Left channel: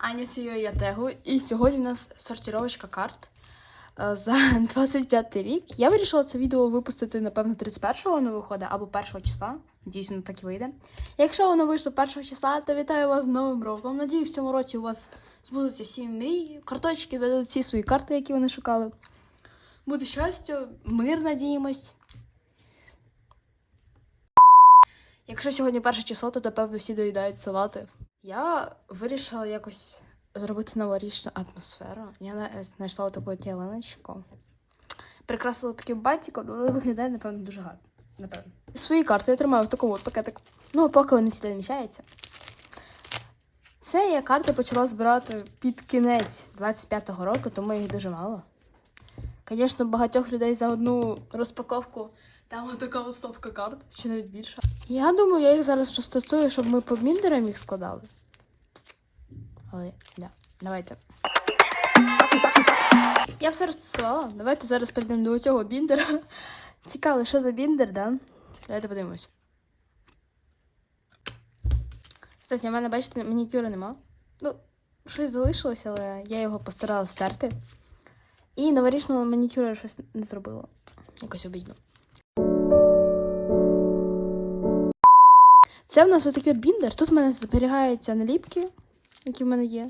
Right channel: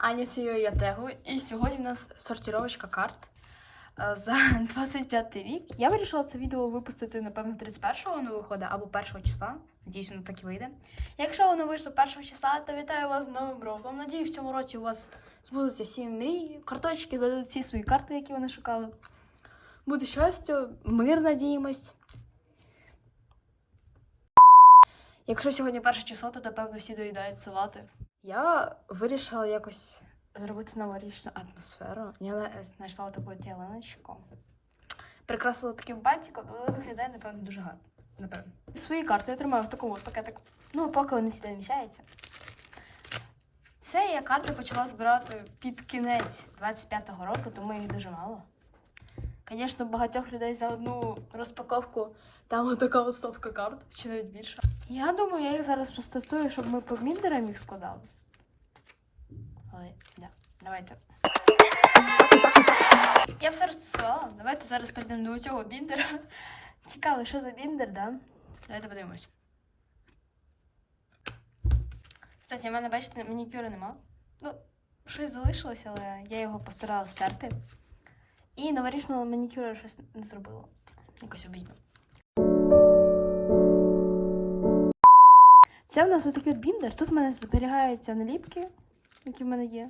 Аня Сіо я Тегу. І сьогодні у нас сортировочка карт е, за 25 рік. Я вирішила це відео випустити, напевно, 31-го воно виходить або 1-го числа. Надіюсь, воно так і вийде. Якщо воно вийшло 1 числа, то вітаю вас з Новим роком. Надіюсь, в цьому році у вас збудуться всі мрії, карточки зададуть всі свої карти, які вони шукали. Буде щастя, мир, надіємось. Якщо сьогодні перше число, то напевно всі доїдають салати. Я вирішила якось зробити новорічну атмосферу. Я знайшла таку тіленочку. Прикрасила таким бантиком, але виглядає, напевно, дуже гарно. Напевно. Свої карти я тримаю в такому от пакетик. Ну, поки вони сюди вміщаються. Це я карти почала збирати під кінець 25-го року, тому їх дуже мало. Звісно, багатьох людей за одну розпаковку там така от стопка карт, чи навіть більше. Я думаю, я їх зараз розтасую, щоб ми по біндерам їх складали. Але, да, давайте. Я все розтасувала. Давайте зараз перейдемо до цього біндера. Цікаво, що за біндер, да? Давайте подивимось. Кстати, в мене, бачите, манікюра нема. Ну, щось залишилось, але я його постаралася стерти. І новорічного манікюра щось не зробила. Якось обідно. Це в нас отакий от біндер. Тут в мене зберігаються наліпки, які в мене є.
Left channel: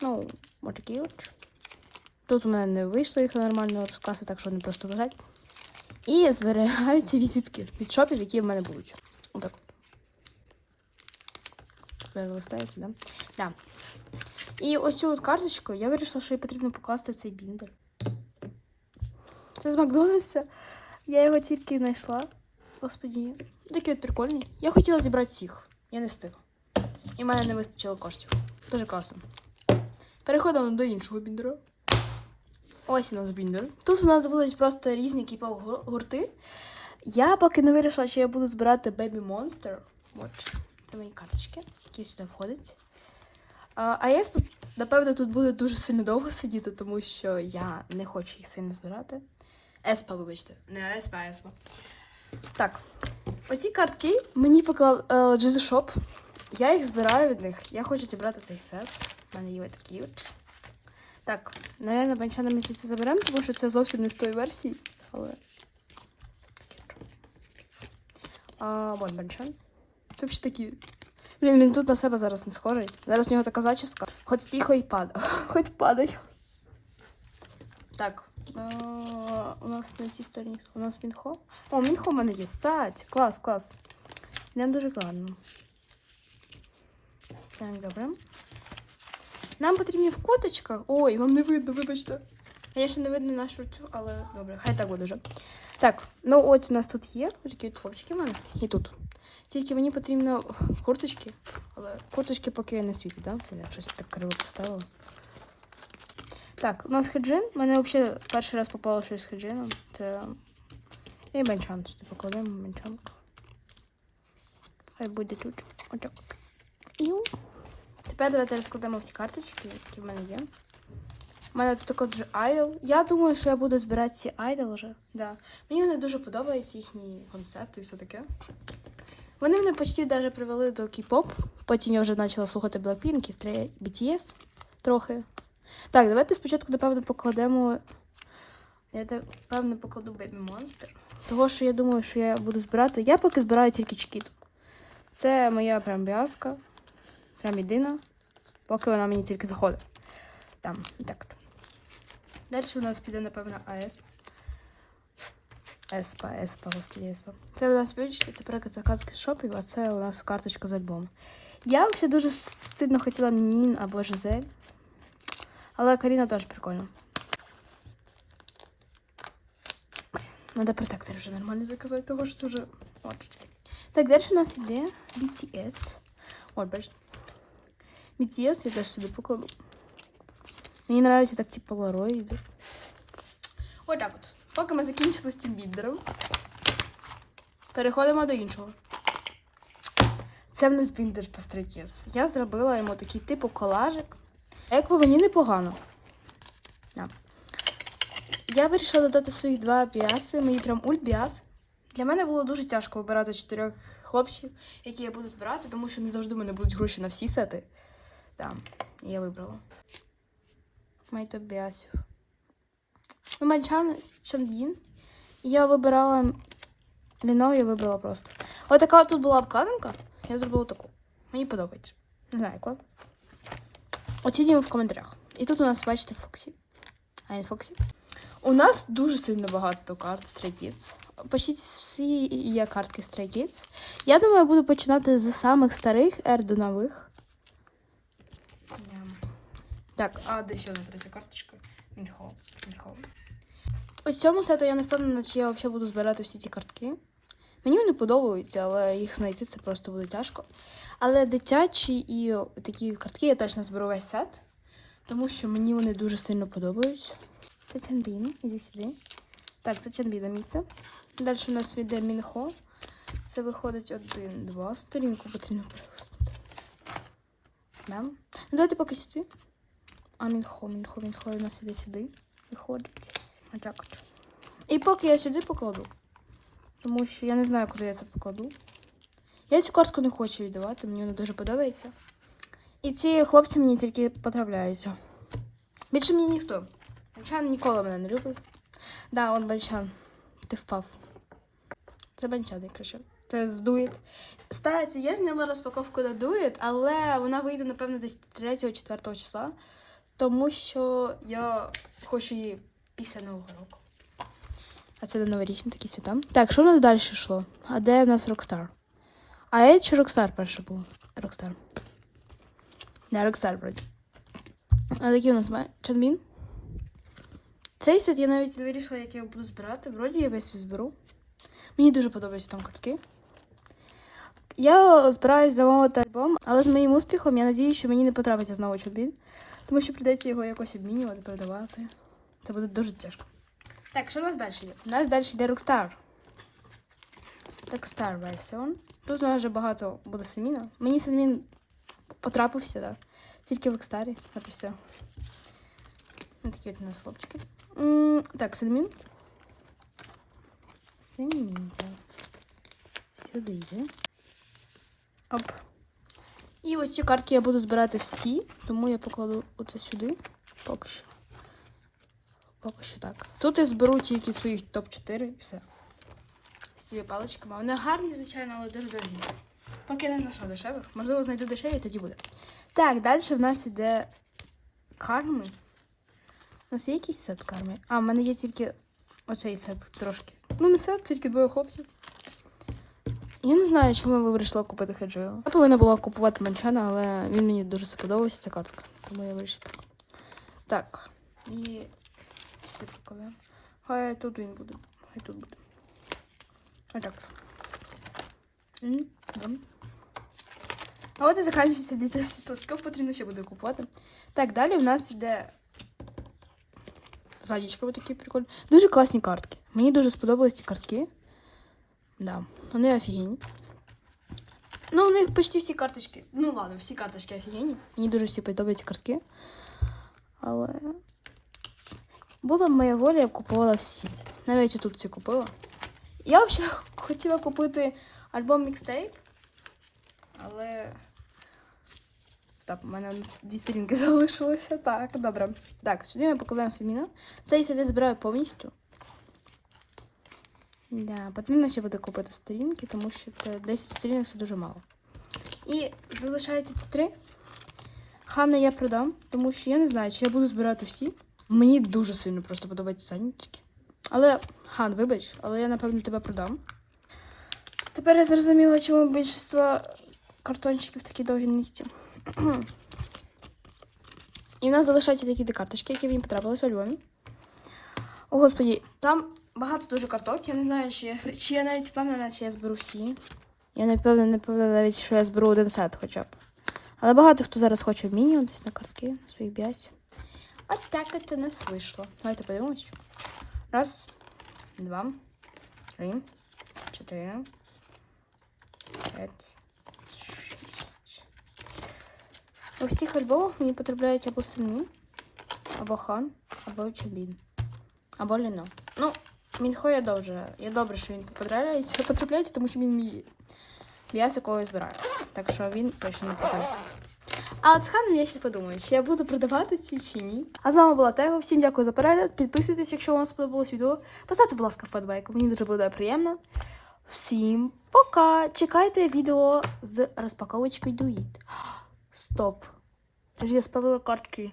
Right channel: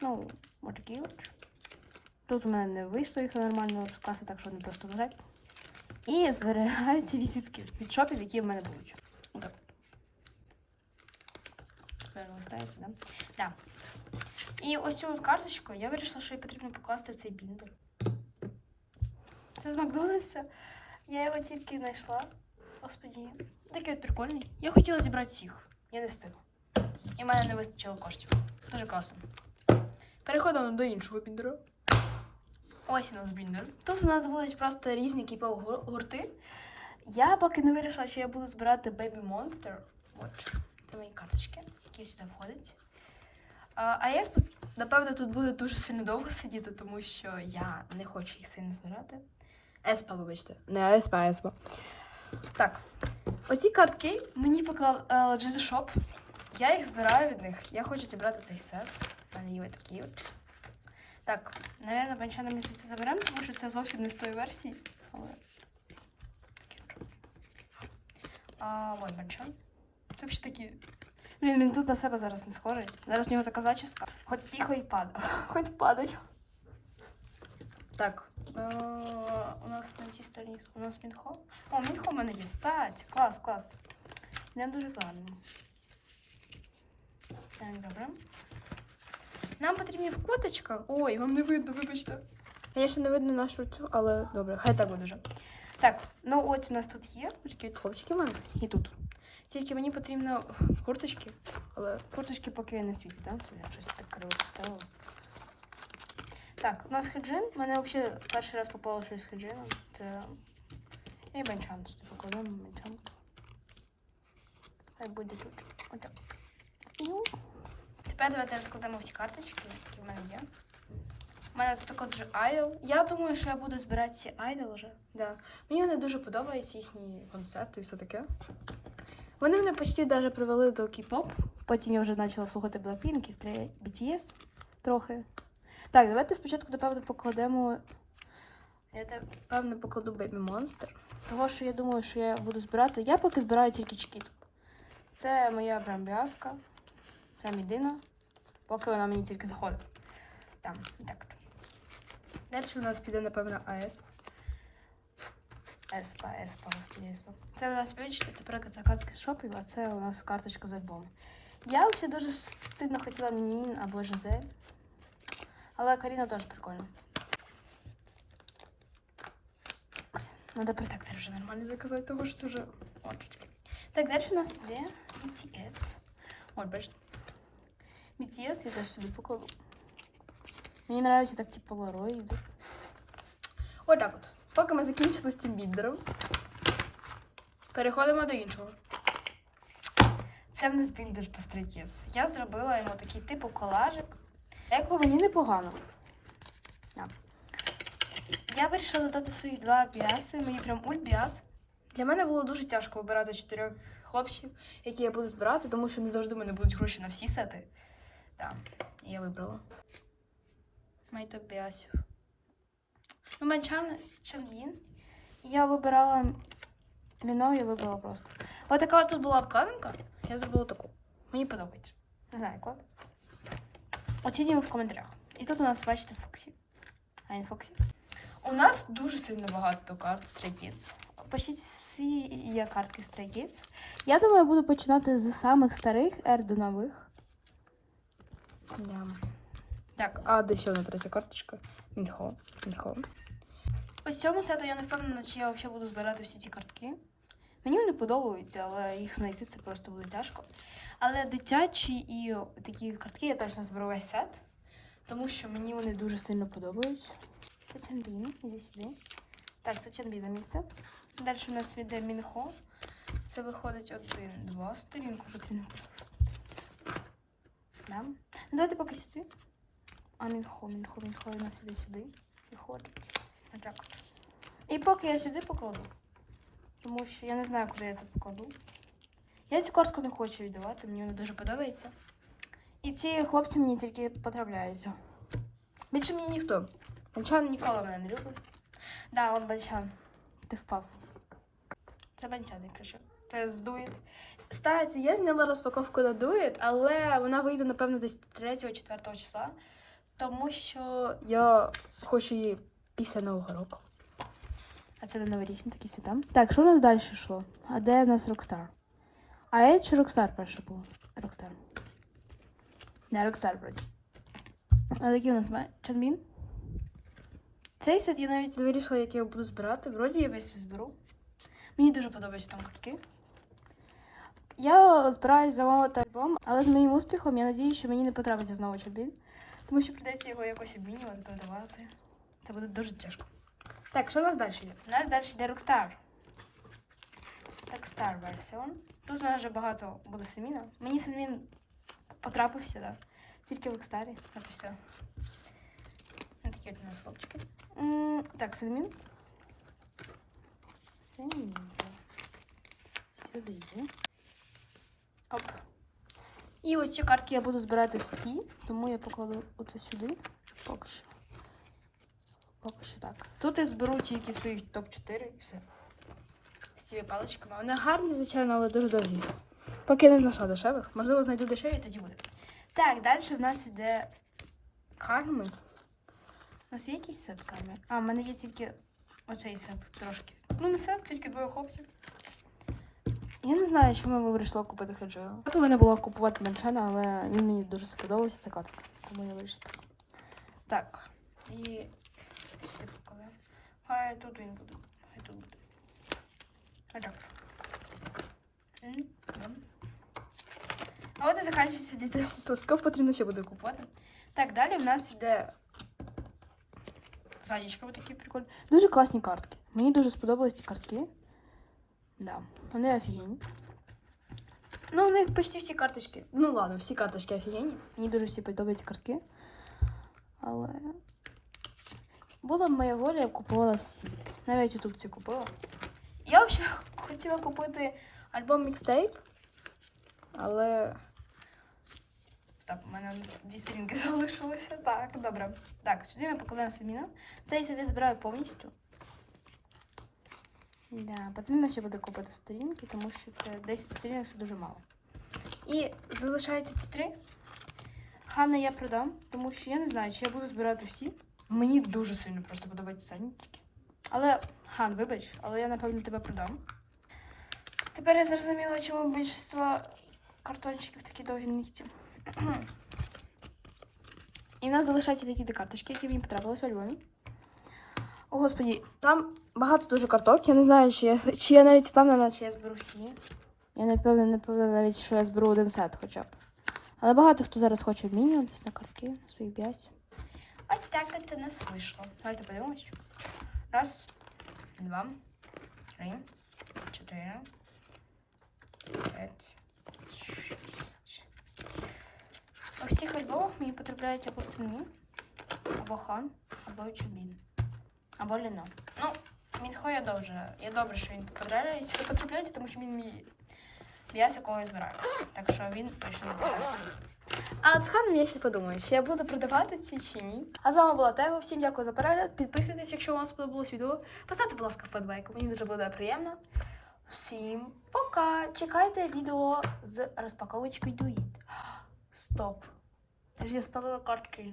Ну, отакі от. Тут у мене не вийшло їх нормально розкласти, так що вони просто лежать. І зберігаються візитки від шопів, які в мене будуть. Отак. Тепер листається, да? Так. І ось цю от карточку я вирішила, що її потрібно покласти в цей біндер. Це з Макдональдса. Я його тільки знайшла. Господі, такий от прикольний. Я хотіла зібрати всіх. Я не встигла. І в мене не вистачило коштів. Дуже класно. Переходимо до іншого біндера. Ось у нас біндер. Тут у нас будуть просто різні кіпов гурти. Я поки не вирішила, що я буду збирати Baby Monster. От. Це мої карточки, які сюди входять. А, а я, напевно, тут буде дуже сильно довго сидіти, тому що я не хочу їх сильно збирати. Еспа, вибачте. Не Еспа, а Еспа. Так, оці картки мені поклав е, GZ Shop. Я їх збираю від них. Я хочу зібрати цей сет. У мене є такі от. Так, напевно, банчана ми звідси заберемо, тому що це зовсім не з тої версії. Але. А, вон банчан. Це взагалі такі. Блін, він тут на себе зараз не схожий. Зараз у нього така зачіска. Хоч тихо і падає. Хоч падай. Так. У нас на цій стороні. У нас Мінхо. О, Мінхо в мене є. Стать. Клас, клас. Нам дуже гарно. Так, добре. Нам потрібні в курточках. Ой, вам не видно, вибачте. Звісно, не видно нашу цю, але добре, хай так буде вже. Так, ну от у нас тут є такі хлопчики в мене. І тут. Тільки мені потрібно курточки, але курточки поки я не світять, так? Да? Я щось так криво поставила. Так, у нас хеджин. У мене взагалі перший раз попало щось з хеджином. Це. І бенчант сюди покладемо бенчант. Хай буде тут. Отак. Тепер давайте розкладемо всі карточки, які в мене є. У мене тут також же айдол. Я думаю, що я буду збирати ці айдол вже. Да. Мені вони дуже подобаються, їхні концепти і все таке. Вони мене почти даже привели до кей-поп. Потім я вже почала слухати Blackpink і BTS трохи. Так, давайте спочатку, напевно, покладемо. Я напевно покладу Baby Monster. Того, що я думаю, що я буду збирати. Я поки збираю тільки чекіт. Це моя прям біаска. Прям єдина. Поки вона мені тільки заходить. Там, так. Далі у нас піде, напевно, АЕС. Еспа, еспа, господи, еспа. Це у нас бачите, це приклад заказки шопів, а це у нас карточка з альбому. Я взагалі дуже сильно хотіла Нін або Жизель. Але Каріна теж прикольна. Надо протектор вже нормально заказати, того що це вже. От. Так, далі у нас іде BTS. От, бачите. BTS я теж собі покладу. Мені нравится так типу Polaroid. Ось так от. Поки ми закінчили з цим біндером. Переходимо до іншого. Це в нас біндер Пастрикіс. Я зробила йому такий типу колажик. Як по мені непогано. Я вирішила додати своїх два біаси, мої прям ульт. Для мене було дуже тяжко вибирати чотирьох хлопців, які я буду збирати, тому що не завжди в мене будуть гроші на всі сети. Да. Я вибрала. Майто Біасів. Ну, Манчан Чанбін. Я вибирала Міно, я вибрала просто. Ось така тут була обкладинка. Я зробила таку. Мені подобається. Не знаю, яка. Оцінюємо в коментарях. І тут у нас, бачите, Фоксі. А не Фоксі. У нас дуже сильно багато карт Stray Kids. Почти всі є картки Stray Kids. Я думаю, я буду починати з самих старих ер до нових. Да. Так, а де ще одна третя карточка? Мінхо. Мінхо. Ось цьому сету я не впевнена, чи я взагалі буду збирати всі ці картки. Мені вони подобаються, але їх знайти це просто буде тяжко. Але дитячі і такі картки я точно зберу весь сет, тому що мені вони дуже сильно подобаються. Це Чанбін, іди сюди. Так, це Чанбіна місце. Далі у нас йде Мінхо. Це виходить один, два. Сторінку потрібно перелистнути. Да. Ну, давайте поки сюди. А Мінхо, Мінхо, Мінхо у нас іде сюди. Виходить. Отак. І поки я сюди покладу. Тому що я не знаю, куди я це покладу. Я цю картку не хочу віддавати, мені вона дуже подобається. І ці хлопці мені тільки потрапляються. Більше мені ніхто. Банчан ніколи мене не любив. Да, он Банчан. Ти впав. Це Банчан, я кричу. Це з Дует. Стається, я зняла розпаковку на Дует, але вона вийде, напевно, десь 3-4 числа. Тому що я хочу її після Нового року. А це на новорічні такі свята. Так, що у нас далі йшло? А де в нас Rockstar? А я чи Rockstar перше був? Rockstar. Не, Rockstar вроді. А який у нас має? Чанбін? Цей сет я навіть вирішила, як я буду збирати. Вроді я весь зберу. Мені дуже подобаються там картки. Я збираюсь замовити альбом, але з моїм успіхом я надію, що мені не потрапиться знову Чанбін. Тому що прийдеться його якось обмінювати, передавати. Це буде дуже тяжко. Так, що у нас далі? У нас далі йде Rockstar. Rockstar версіон. Тут у нас вже багато буде Семіна. Мені Семін потрапився, так. Тільки в Rockstar, от і все. Ось такі от у нас хлопчики. Так, Семін. Семін. Сюди. Оп. І ось ці картки я буду збирати всі, тому я покладу оце сюди. Поки що. Поки що так. Тут я зберу тільки своїх топ-4 і все. З цими паличками. Вони гарні, звичайно, але дуже дорогі. Поки я не знайшла дешевих. Можливо, знайду дешеві, тоді буде. Так, далі в нас іде карми. У нас є якийсь сет карми? А, в мене є тільки оцей сет трошки. Ну, не сет, тільки двоє хлопців. Я не знаю, чому я вирішила купити Хеджею. Я повинна була купувати Маншана, але він мені дуже сподобався ця картка. Тому я вирішила так. Так. І покладемо. Хай тут він буде. Хай тут буде. Отак. А от і закінчується 10 листків, потрібно ще буде купувати. Так, далі в нас йде задічка ось такі прикольні. Дуже класні картки. Мені дуже сподобались ці картки. Да, вони офігенні. Ну, у них почти всі карточки. Ну ладно, всі карточки офігенні. Мені дуже всі подобаються картки. Але. Була моя воля, я купувала всі. Навіть тут ці купила. Я взагалі хотіла купити альбом мікстейп, але. Стоп, у мене дві сторінки залишилося. Так, добре. Так, сюди ми покладаємо Семіна. Цей сюди збираю повністю. Да, потрібно ще буде купити сторінки, тому що це 10 сторінок це дуже мало. І залишаються ці три. Хана я продам, тому що я не знаю, чи я буду збирати всі. Мені дуже сильно просто подобаються санітки. Але, Хан, вибач, але я напевно тебе продам. Тепер я зрозуміла, чому більшість картончиків такі довгі нігті. І в нас залишаються такі дві карточки, які мені потрапились у альбомі. О, господі, там багато дуже карток. Я не знаю, чи я, чи я навіть впевнена, чи я зберу всі. Я не впевнена, не впевнена навіть, що я зберу один сет хоча б. Але багато хто зараз хоче обмінюватись на картки, на своїх б'язь. От так от у нас вийшло. Давайте подивимось. Раз, два, три, чотири, п'ять, шість. У всіх альбомах мені потрапляють або Сені, або Хан, або Чабін, або Ліно. Ну, Мінхо я добре. Я добре, що він потрапляється, потрапляється, тому що він мій м'ясо, якого я збираю. Так що він точно не потрапляє. А от з ханом я ще подумаю, чи я буду продавати ці чи ні. А з вами була Тего. Всім дякую за перегляд. Підписуйтесь, якщо вам сподобалось відео. Поставте, будь ласка, вподобайку. Мені дуже буде приємно. Всім пока! Чекайте відео з розпаковочкою Дуїт. Стоп. Це ж я спалила картки.